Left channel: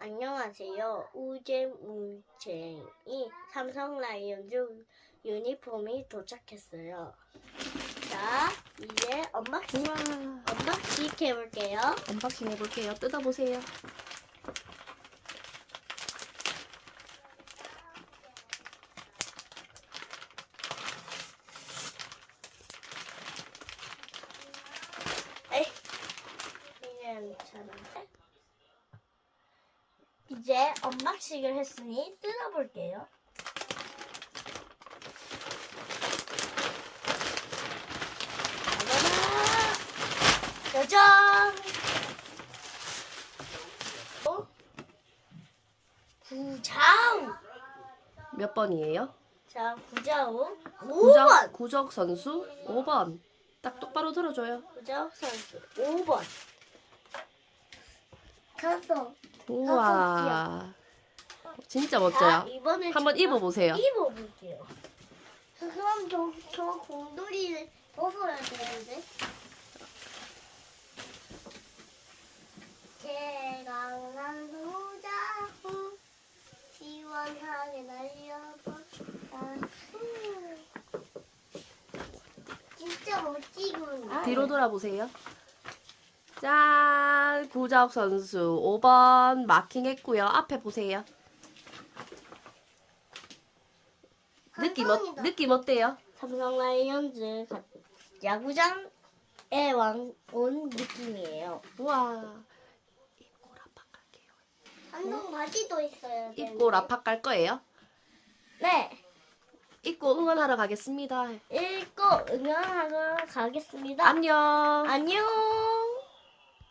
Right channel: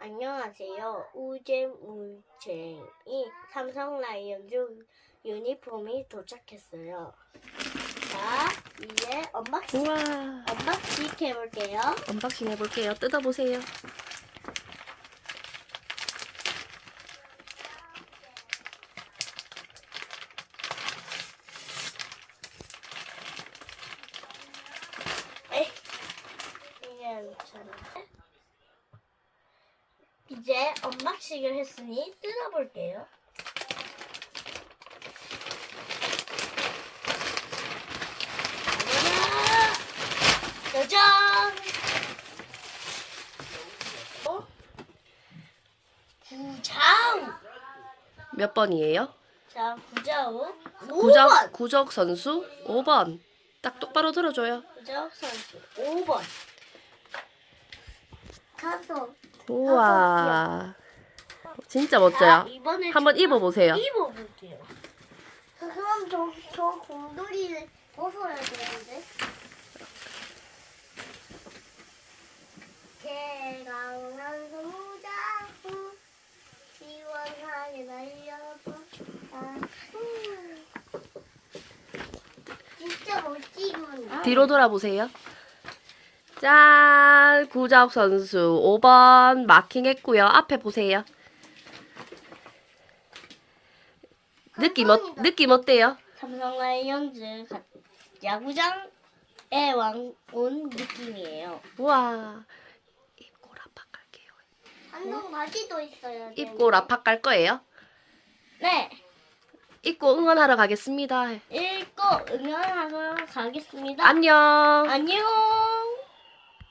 안녕하세요. 우잼우쟁이 삼성 라이온즈 유니폼이 도착했어요. 자, 이제 언박싱, 우와. 언박싱 해볼게요. 언박싱 해볼게요. 뜯어보세요. 에이, 이제 괜찮은데? 이제 언박싱을 했으니 뜯어볼게요. 짜잔! 어? 구자우! 몇 번이에요? 자, 구자우. 구적, 5번! 구적 선수 5번. 딱 똑바로 들어줘요. 구자우 선수 5번. 다섯. 우와. 진짜 자, 멋져요. 이번에 한번 제가 입어보세요. 입어볼게요. 그럼 저, 저 곰돌이를 벗어야 되는데. 제가 원하는 모자고 시원하게 날려보자. 진짜 멋지군. 뒤로 돌아보세요. 짠! 구적 선수 5번 마킹했고요. 앞에 보세요. 느낌, 어, 감사합니다. 느낌 어때요? 삼성 라이온즈 가- 야구장에 왕, 온 느낌이에요. 우와. 입고 라팍 갈게요. 한동 바지도 있어요. 입고 라팍 갈 거예요? 네. 입고 응원하러 가겠습니다. 읽고 응원하러 가겠습니다. 안녕. 안녕.